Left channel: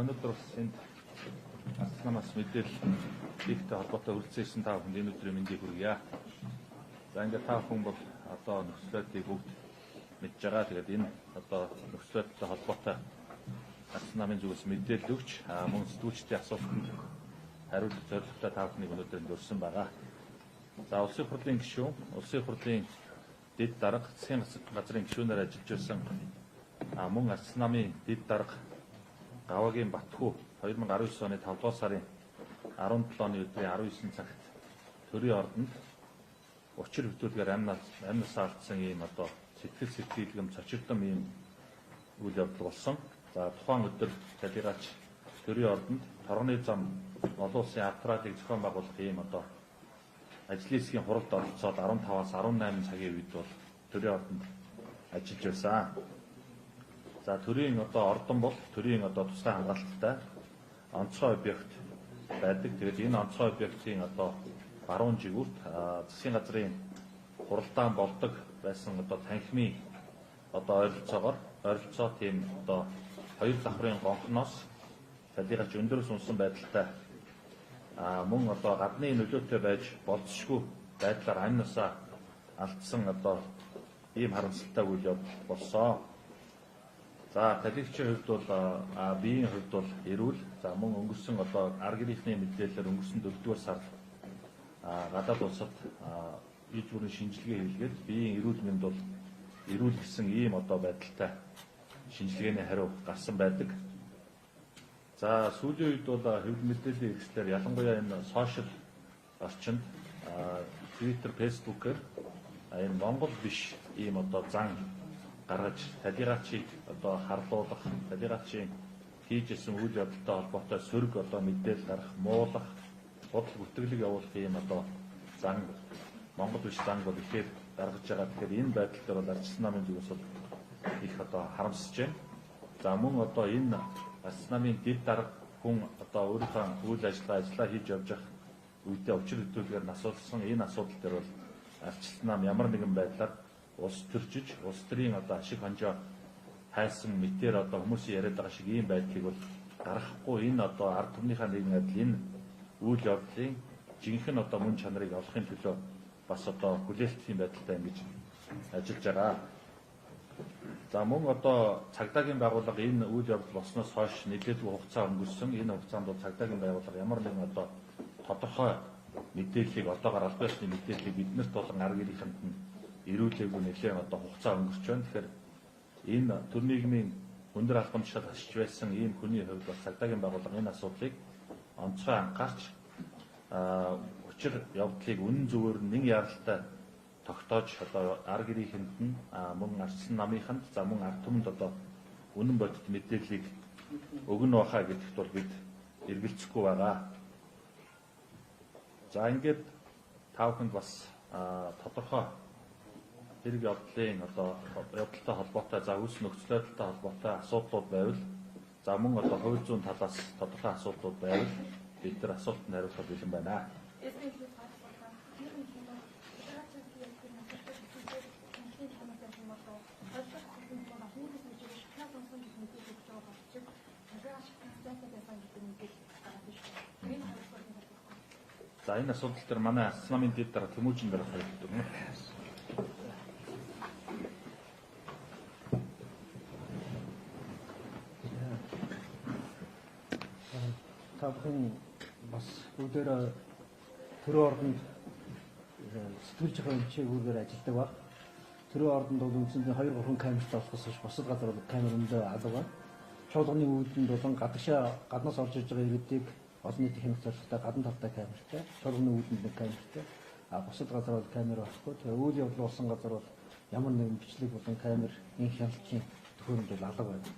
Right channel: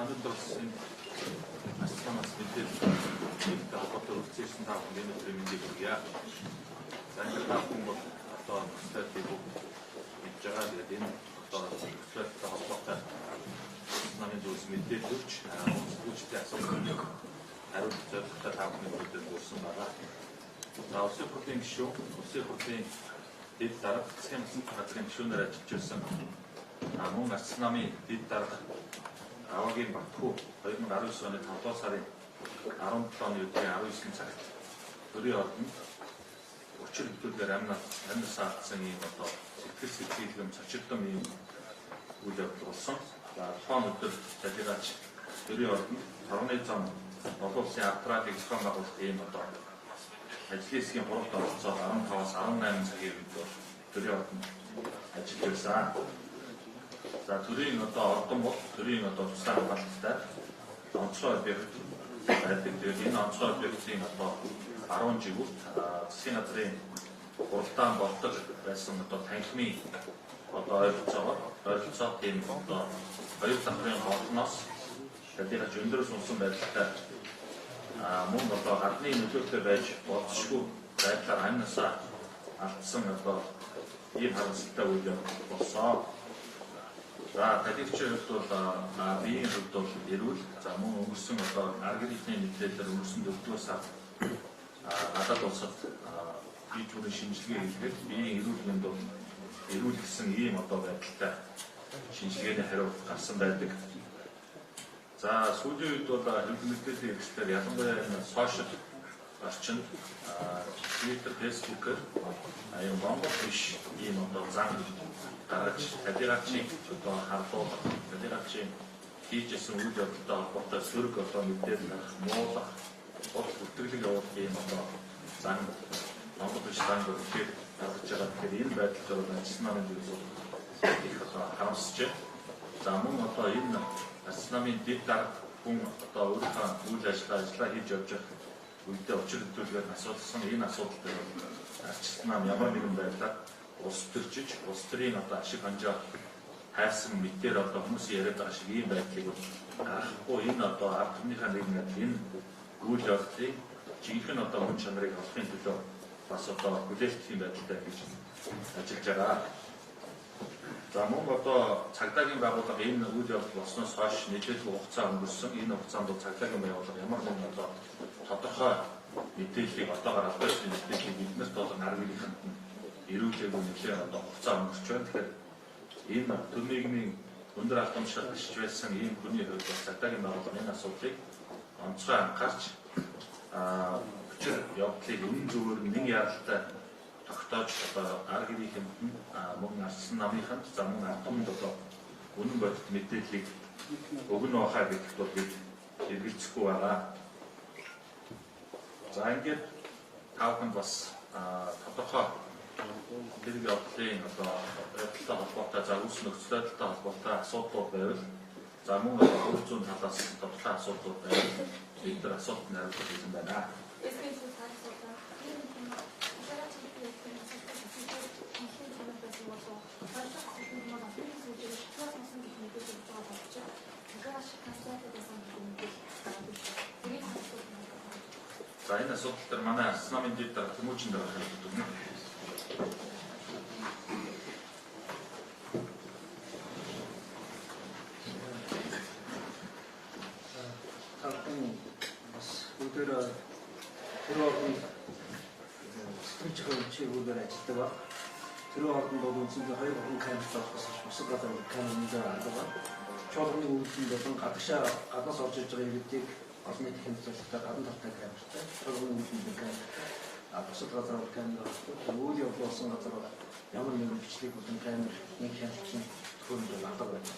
өнөөдөр бас энэ астрономиас мэдээлэл ихтэй холбоотой үргэлжлүүлсэн та бүхэнд өнөөдрийн мэндийг хүргье. За ингээд та бүхэн бол одоо нөхцөлтэй бүгд мэдж байгаа. Тэгээд энэ одоо нөхцөлтэй холбоотой астрономийн зүйлс мэдээлэл өгч үндэслэгчдийн асуултанд хариулт зорилготой та бүхнийг өнөөдөр өрсөн байгаа. За улсын хурлын гишүүн, улсын хурлын дэд дарга, засгийн газрын гишүүнээр ажиллаж байсан мөн астрономийн дэд дарга Авагийн Батхүү 2019 оны 5 дугаар сарын 17 оны өдрийн 19 цагт төрийн ордонд учир хөдөлгөөр амнаас алдсан ийм одоо сэтгэл сэтгэлгэм цочирдон ийм үйл явдал болсон. За тухайн өдөр цалигаач төрийн ордонд тархны зам олон улсын авторыг зохион байгуулах ийм одоо ажлын хэсгийн хуралд оролцоод 15-аас 18 цагийн үед бол төрийн ордонд ажиллаж байсан. За төрийн одоо ордон бол төрийн одоо тусгай хамгаалалттай онцгой объект байдаг. Тэгээд энэ онцгой объектын одоо баруун жигүүрт засгийн газрын хуралдаан болдог байсан одоо танхимын одоо ойролцоо тийм одоо хоёр давхрын гонхноос цалигаач өндөрөөс унсан байдалтай мөн одоо гадны нөлөөтэй байж болцсохгүй байдлаар амнасаа алдсан одоо ийм харамсалтай үйл явдал болсон. За талигчийн хувьд бол биеийн хувьд бол эрүүл. За мөн өнгөрсөн одоо аргирийнхны мэдээлэлээр өнгөрсөн 4-р сард гадаад улсад бие зүрийн шинжилгээ хийлгээд биеийн эрүүл мэнд бол эрүүл гэсэн ийм одоо байдалтай шинжилгээний хариу гарсан байдаг. За сүүлийн үед бол хэвлэл мэдээллийн хэрэгслээр ялангуяа энэ сошиал орчинд Twitter, Facebook-ээр энэ Монгол биш ийм одоо зан гаргаж талигачийн одоо хардуулах, талигачийн хийжсэн үйл явдалтай холбоотой сөрөг одоо мэдээлэл гаргах, муулах, бодол бүртгэлэг явуулах ийм одоо зан Монгол биш зан бол ихээр гаргаж байгаа. Тэгэхээр энэ байдал дээр бол астрономийн зүйлс их одоо харамсаж байна. За мөн одоо энэ астрономийн дэд дарга хүн одоо өөрийнхөө үйл ажиллагаа хийж явж байх үедээ учир хөдөлгөөр асуулсан энэ асуудал дээр бол астрном ямар нэгэн байдлаар улс төржиж, улс төрийн одоо ашиг ханжаа хайсан мэтээр одоо хүмүүсийн яриад байгаа шиг ийм байдлыг бол гаргахгүй энэ одоо ард түмнийхээ нэгэн энэ үйл явдлын жинхэнэ одоо хүн чанарыг олохын төлөө бас одоо хүлээлтийн байдалтай ингэж ажиллаж байгаа. За мөн одоо цагдаагийн байгууллага энэ үйл явдал болсноос хойш нийлүүлэг хугацаа өнгөрсөн. Энэ хугацаанд бол цагдаагийн байгууллага ямар нэгэн одоо тодорхой мэдээллийг одоогоор албасын мэдээллийг биднэрт болон арга иргэнд эрүүлээг нэглээ одоо хугацаа өнгөрч байна. Тэгэхээр энэ төр нийгмийн өндөр албамшаар ашиж байсан ийм хүний хувьд бас цагдаагийн байгууллага энэ асуудлыг онцгой анхаарч учир явдлыг үнэн зөвөөр нэг яралтай тогтоож одоо арга иргэнд нь мөн арсан намынханд за мөн ард түмэнд одоо үнэн бодит мэдээллийг өгнө бахаа гэдэгт бол бид эргэлзэхгүй байгаа. За ингээд та бүхэнд бас тодорхой хэрэг явдлын одоо явдалтай холбоотой за үс нөхцөл байдалтай холбоотой асуудлууд байвал за мөн одоо хууль зүйн талаас тодорхой асуудлууд байвал бид нар асуултанд хариулах гэсэн байна. За энэ асуудал дээр манай астрономийн дэд дарга Тэмүүжин дарга хариулт өгнө. Таахан бас бүгдээр төрийн ордонд сэтгэлж байгаа үчигүүгээр ажилладаг ба. Төрийн ордонд бол үндсэндээ 2-3 камерт авахсаж бусад газар камеранд авдаг. Чуулганы үүдэнд болон гаднаас орж иж байгаа иргэдийг олон нийтийн хэмжээлтэй гадна талтай камертай, чуулганы үүдэнд камертай, бусад газар камер авахгүй. Үйл явдал болсон газар бол ямар нэгэн бичлэг болон камер энэ хяналтын төхөөрөмж алга байна.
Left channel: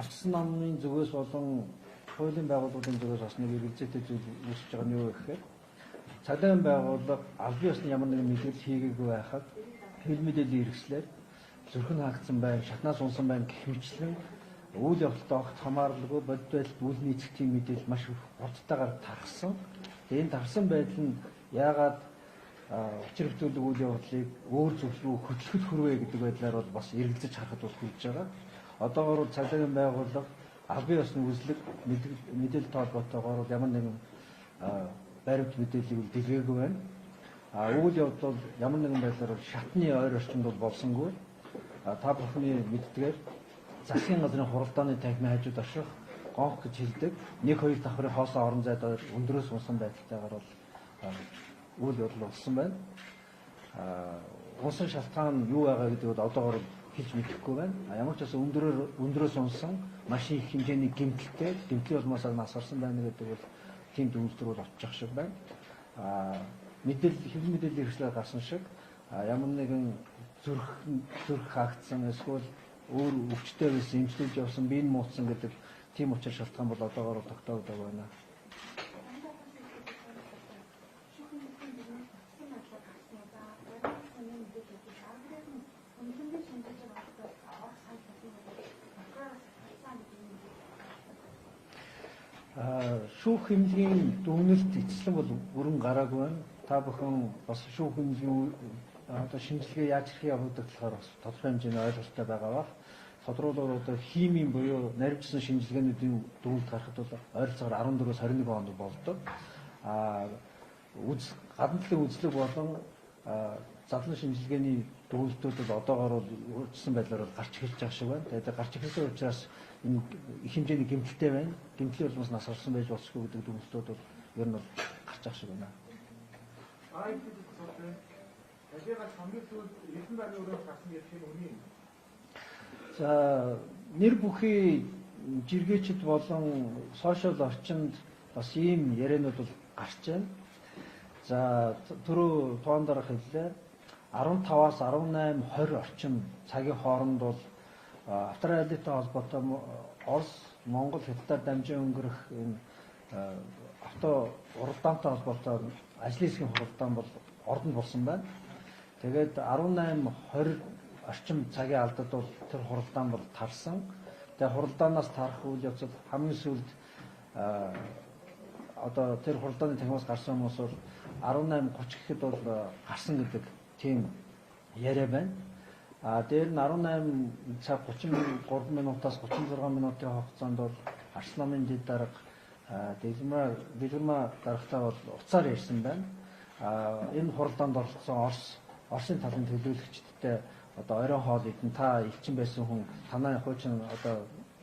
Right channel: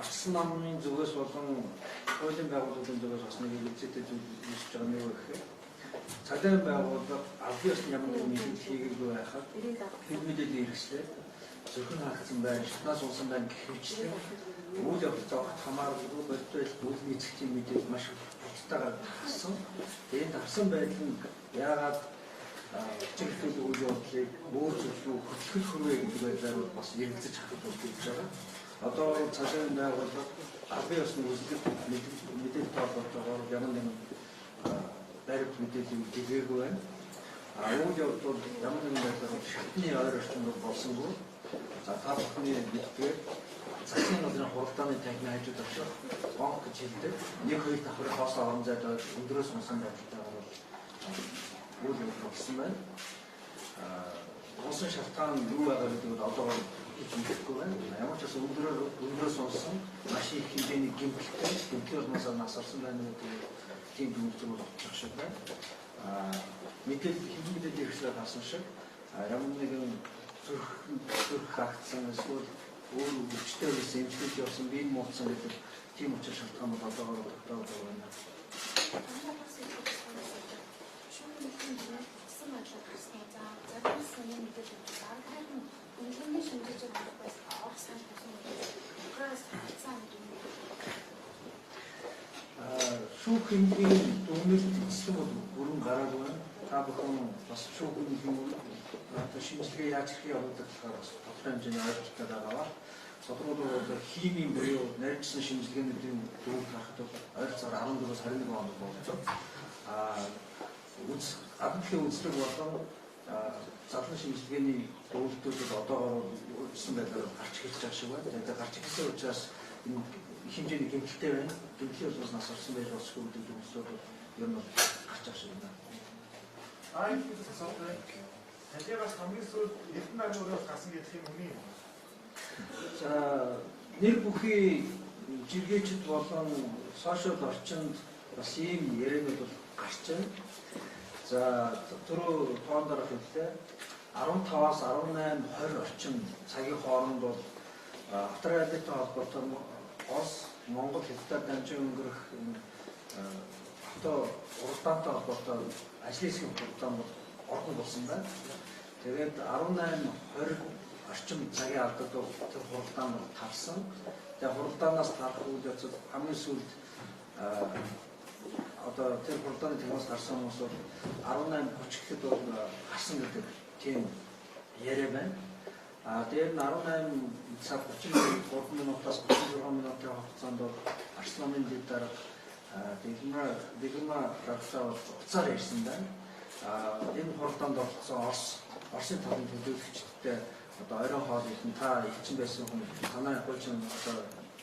Астрономийн зүгээс болон хуулийн байгууллагын зүгээс бас нэг эргэлзээтэй зүйл үүсэж байгаа нь юу гэхээр цагдаагийн байгууллага албан ёсны ямар нэгэн мэдээлэл хийгээгүй байхад хэл мэдээллийн хэрэгслээр зүрхэн хаагдсан байна, шатнаас унсан байна гэх мэтлэн үйл явдалд огт хамааралгүй бодит байдалд үйл нийцэхтийн мэдээлэл маш боцтойгоор тархсан. Энэ тархсан байдал нь яагаад учир хөдөлгөөний үйл явдлыг өөр зүйл рүү хөтлөх хүрвэ гэдэг байдлаар бол бас эргэлзэж харахад болж байгаа. одоо бол цалин байгууллага албан ёсны үзлэг мэдээлэл тоолбоотойгоор ямар нэгэн баримт мэдээллийг дэгээгүй байна. Үйл явдал ямар нэгэн байдлаар шатны ойр орчинд болсонгүй. Та бүхний мэддгээр засгийн газрын хуралдааны танхимын хажууд очих гонх гэж хэлдэг. 1-2 давхрын хоосоо орон зайд өндөрөөс унсан байдалтайгаар бол үйл явдал болсон байна. Унсан шалтгаан юу байгаа гэдэг бол одоогоор хийж мэдэхгүй байна. Ямар ч байсан өндөрөөс унсан маш их хэмжээний гэмтэлтэй гэмтлийн улмаас насарсан байна гэдэг тийм дүгнэлтүүд олчих шиг байна. Хэвлэл мэдээлэл хэрэгсээр гарсан шиг ямар нэгэн зүрх хаагдсан эсвэл өөр өвчтэй байсан, эмчлүүлж явсан, биеийн муутсан гэдэг тийм учир шалтгаан бол одоогоор тогтоодог байна. Шүүх хэмжээний дүгнэлт эцэслэн бол бүрэн гараагүй байна. Та бүхэн бас шүүх хэмжээний шинжилгээ яаж хэрэг явуулдаг болохоор бас тодорхой хэмжээний ойлголттой байгаа. Тодорхойлбол одоо химийн буюу нарийнчсан шинжилгээний дүгнэлт гарахад бол ойролцоогоор 14-өөс 21 онд болдог. Гадна талын үзлэг болон задлан шинжилгээний дүгнэлтүүд одоогоор өөрчлөсөн байдлаар гарч ирж байгаа шиг байна. Тэгээд гарч ирсэн учраас энэ их хэмжээний гэмтэлтэй байна. Гэмтлийн улмаас нас орсон байж болсгүй гэдэг дүгнэлтүүд бол ер нь гарч байгаа шиг байна. Талигаас хамгийн сүүлд Эрдэнэ даргын өрөөс гарсан гэдэг юм уу? За нэр бүхий жиргээчд болон сошиал орчинд бас ийм яриануд бол гарч байна. За түрүү тоон дараах хэллээ. 15-аас 18-20 орчим цагийн хооронд бол австралитай холбоотой Орос, Монгол хэлээр дамжин өнгөрөх авто уралдаантай холбоотой ажлын хэсгийн хуралдаан бол ордон болсон байна. Тэгээд 18-20 орчим цагийн алдад бол тэр хуралдаан бол тарсан. Тэгээд хуралдаанаас тарах үйл явцад хамгийн сүүлд одоо тэр хуралдааны танхимаас гарсан хүмүүс бол 18:30 гэхэд бол гарсан гэдэг тийм яриа байна. Дээр нь 18 цаг 33 минутаас 36 минутын хугацаанд бол Арсланын дэд дарга Дилма гаргахтаа бол уцаар ярьсан байна. Энэ хуралдаанд оролцсон Оросын талын төлөөлөгчдтэй одоо оройн хоол ихэн та элчин байсан хүн танай хуучин одоо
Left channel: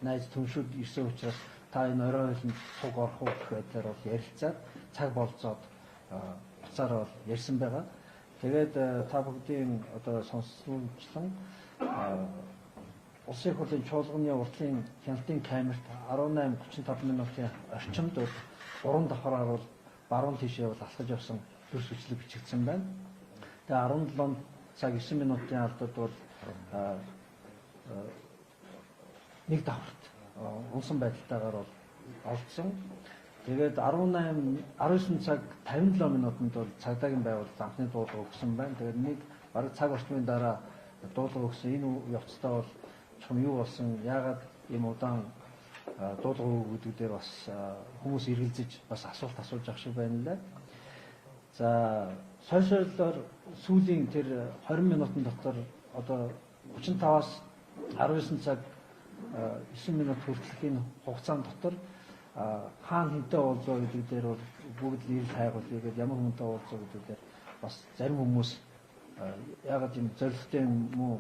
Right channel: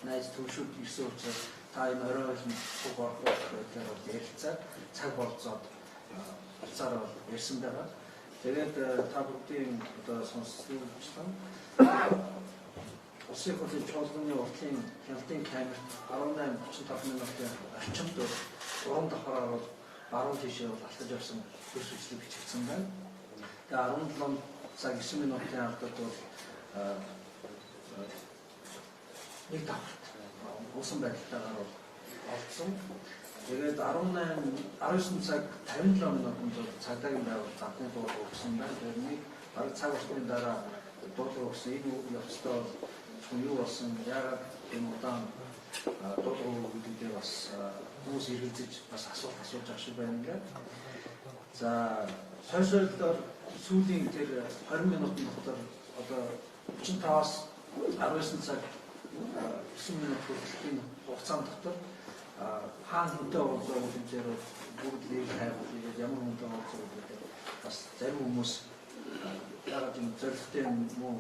найз төмшүүд ирсэн учраас та энэ оройн хоолнд цуг орох байдлаар бол ярилцаад цаг болцоод уцаар бол ярьсан байгаа. Тэгээд та бүгдийн одоо сонсогчдын улсын хурлын чуулганы уртлын хяналтын камерт 18:35 минутын орчимд 3 давхраар бол баруун тийшээ бол алтаж явсан зүрх хүчлэг бичигдсэн байна. Тэгээд 17 цаг 9 минутын алдад бол нэг давхарт унсан байдалтайгаар бол олдсон. Тэгээд 19 цаг 57 минутанд бол цагдаагийн байгууллага замтны дуудлага өгсөн байна. Тэгээд нэг бараг цаг орчмын дараа дуудлага өгсөн. Энэ явцдаа бол чон юу болсон, яагаад ийм удаан дуудлага өгүүлүүдээр бас хүмүүс эргэлзэж бас асуулт асууж ах шиг байна ингээд. За сошиалдаар сүүлийн тэр 20 минутын дотор одоо 35-аас 19 цаг 9 минут хүртэлхүүн хугацаанд дотор хаана хэнтэй уулзаа гэдгээр бүгд нэг хайгуул тэгээд ямар хүнтэй уулзаа гэдгээр бас зарим хүмүүс яагаад юм зорилттой юм уу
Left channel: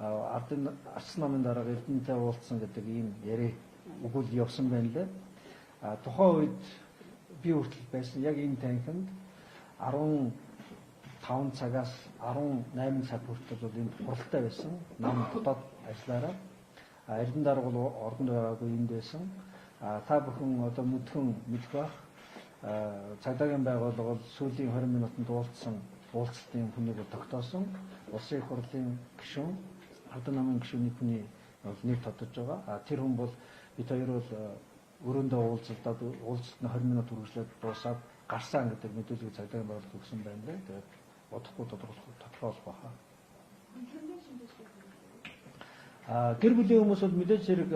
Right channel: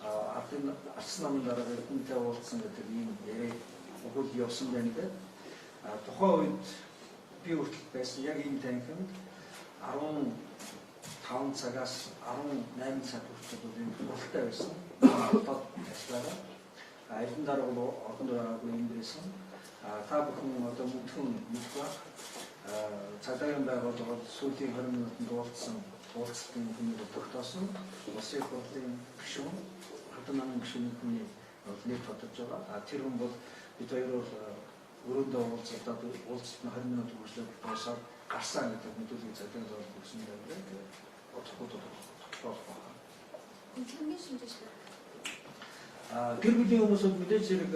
ардын арчсан намын дараа Эрдэнэтэй уулзсан гэдэг ийм яриа өгөл явсан байна дээ. Тухайн үед би хүртэл байсан яг энэ танхимд 15 цагаас 18 цаг хүртэл бол энэ хуралтай байсан. Дотоод ажиллаараа Эрдэнэ дарга бол ордонд байгаагүй юм байсан. Та бүхэн одоо мэдхэн мэдэх бах цагдаагийн байгууллага бол сүүлийн 20 минутанд уулзалтын хүнийг тогтоосон. Улсын хурлын гишүүн Ардын намын гишүүний хүний нэр тодорч байгаа. Тэр хүн бол бид хоёр бол өрөөндөө уулзалтад уулзалт нь 20 минут үргэлжлээд дуусаад гарсан гэдэг мэдүүлгийг цагдаагийн байгууллага өгсөн байна гэдэг. Тэгээд бодохгүй тодорхойлох байна. Гэр бүлийн хүмүүс бол мэдээж хэрэг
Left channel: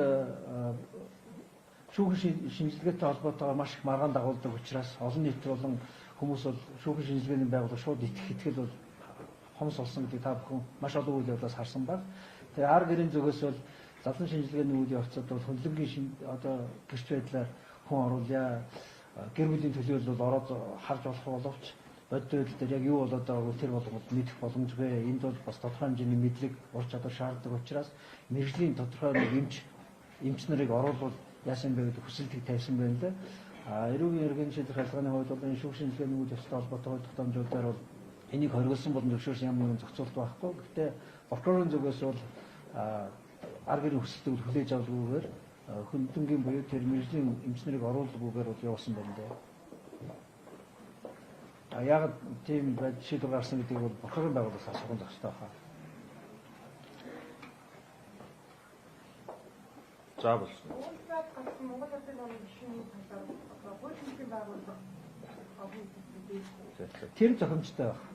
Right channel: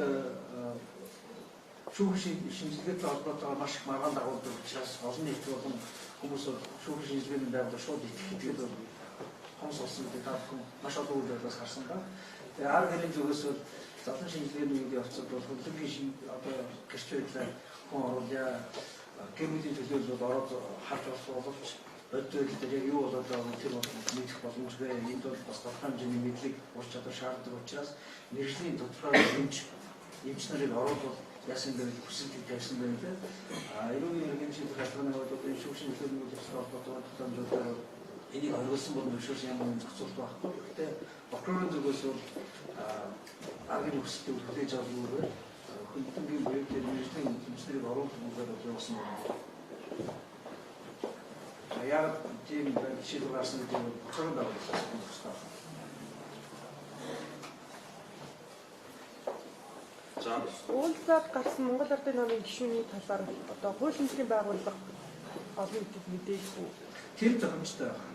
шүүхийн шинжилгээтэй холбоотойгоор маш их маргаан дагуулдаг учраас олон нийт болон хүмүүс бол шүүхийн шинжилгээний байгууллага шууд итгэхэд бол хомс болсон гэдэг та бүхэн маш олон үйл явдлаас харсан баг. Тэгээ ар гэрийн зүгээс бол задлан шинжилгээний үйл явцад бол хөлбөргийн одоо гэрч байдлаар хүн оруулъя. Гэр бүлийн төлөөлөл ороод харж болох боловч бодит байдал дээр яг юу болоод байгааг тэр бол мэдэх боломжгүй. Энд бол бас тодорхой хэмжээний мэдлэг ур чадвар шаарддаг учраас мэрэгжлийн тодорхой эмч нарыг оруулбал яасан гэвэл хүсэлтийг тавьсан байна лээ. Эрүүгийн иргэн шийдэх хайлтгааны хувьд одоо энэ шүүх шинжилгээний үйл явцад холбоотой тохиолдлуудаар энийг хориглосон бол зөвшөөрсөн юм уу зохицуулт байхгүй. Гэхдээ прокурорын зүгээс бол аргын хүсэлтийг хүлээж авалгүйгээр хөлбөргийн буюу тэр мэрэгжлийн эмч нарыг оруулахгүйгээр явуулсан байна. Яг тийм шийдвэр гарсан гэдэг нь прокурорын байгууллагаас асуух хэрэгтэй байна. Уулзаад гарсан Монгол Ардын намын гишүүний талаар одоо хууль шинжлэхийн байгууллага олон нийтэд мэдээлгүй. Тэр зохимжтой байна.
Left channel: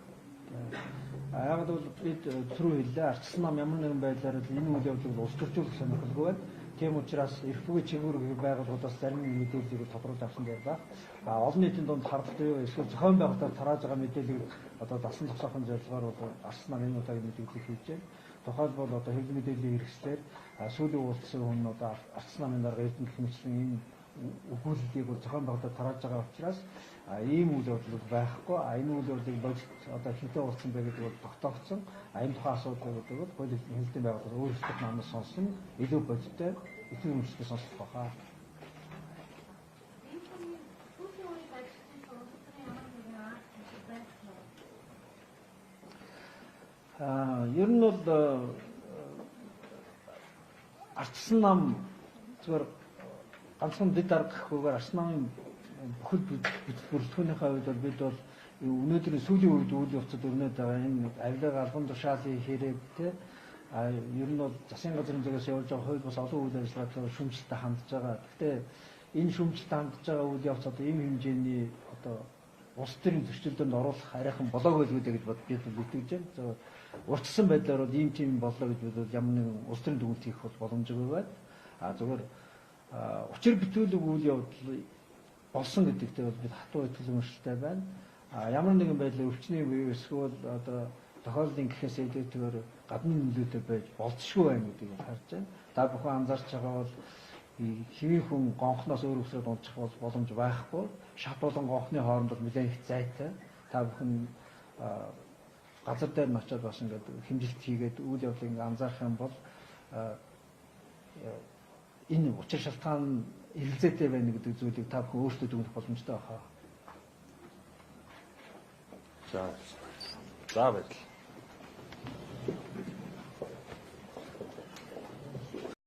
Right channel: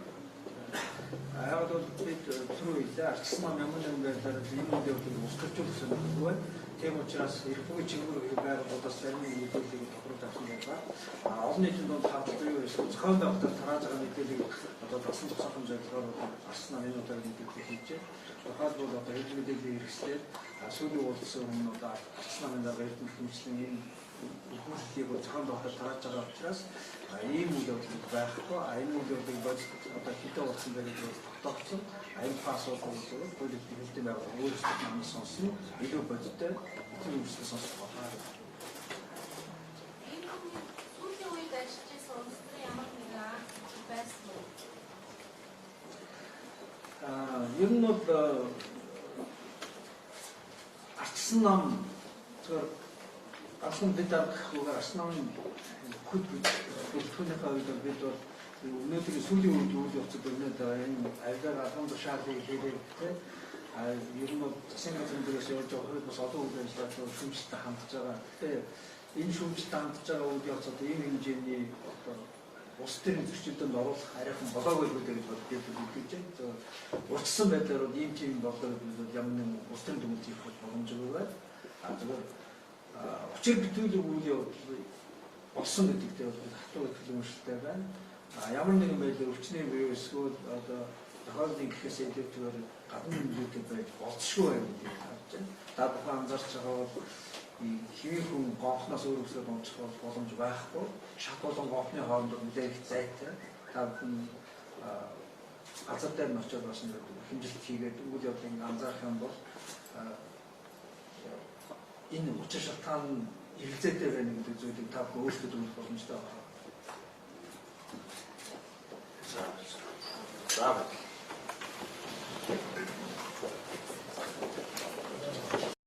Яг бол бид түрүү хэлээ ардчсан нам ямар нэгэн байдлаар энэ үйл явдлыг улс төрчүүлэх сонирхолгүй байна. Тийм учраас эрх бүхий чиглэл байгууллагаас зарим нэг мэдээллийг тодруулж авсан байгаа. Олон нийтийн дунд хардлагатай эсвэл зохион байгуулалтаар тарааж байгаа мэдээллийг одоо дасан зогсоохон зорилгоор одоо ардчсан нам энэ удаагийн мэдээлэл хийж байна. Тухайлбал одоо хэвлэл мэдээллийн хэрэгслээр сүүлийн уулзсан хүн одоо ардчсан намын дарга эрдэнэ хэмжлэн энэ өгүүлэлтийг зохион байгуулалтаар тарааж байгаа учраас ийм үйл явдал байхгүй. Энэ үйл явдлыг одоо хитэ болсон байдаг гэж тогтоогдсон. Энэ тухайн асуудлыг зөвхөн хуулийн хэлтийн байгууллага өөрсдөө намаас сонсон илүү бодиттой эдгээр хүмүүсээс сонсох байна. Энэ хүний сүүлийн үед ажиллаж байсан үндэсний ямар нэгэн байсан уу? Ер нь бол ардчсан нам зөвхөн ганцхан бид аргахгүйгээр ардчсан намын бүхэл бүрэлдэхүүнийхээ хувьд бол бид бол өнөөдрийн сүүлийн үед үйл явцад өрнөд байгаа энэ авилга албан тушаалын хэрэгтэй ер нь бол засгийн газрын дээрээс явж байгаа хувь бас олон үйл ажиллагаа шүүмжлэлтэй хандж байгаа. Гэхдээ энэ шүүмжлэлтэй хандж байгаа үйл явцад ийм хэмжээний одоо улс төрийн зөрчилдөөнд оруулах арайхан болоогүй л үү гэж бид мэдэж байна. Урьдчилсан байдлаар бол ийм тийм болоо гэж бид ямар нэгэн улс төрийн дүгнэлт хийх боломжгүй байна. Зөвхөн учир бүтээлэг үйл явдал болсон гэдэгтэй бол бид хатуу итгэл үнэмшилтэй байна. Ямар нэгэн байдлаар өвчний бие эсвэл одоо тохиолдлын гэхээс илүүтэйгээр гадна нөлөөтэй байж болцсохгүй байна гэдгийг харж байна. Та бүхэн анзаарч байгаа бол хэвийн хүн гонхноос өөр өсөөр унчих боломж байхгүй. Шат болон гонхны хооронд нэлээд их зайтай. Та бүхэн газар дээр нь очиод бас ингээд хэмжилт хийгээд үйл явдлыг анзаарах юм бол энэ учир шалтгаан эргэлзээтэй байна гэдэг зүйлийг та бүхэн өөрсдөө дүгнэх боломжтой байна. За.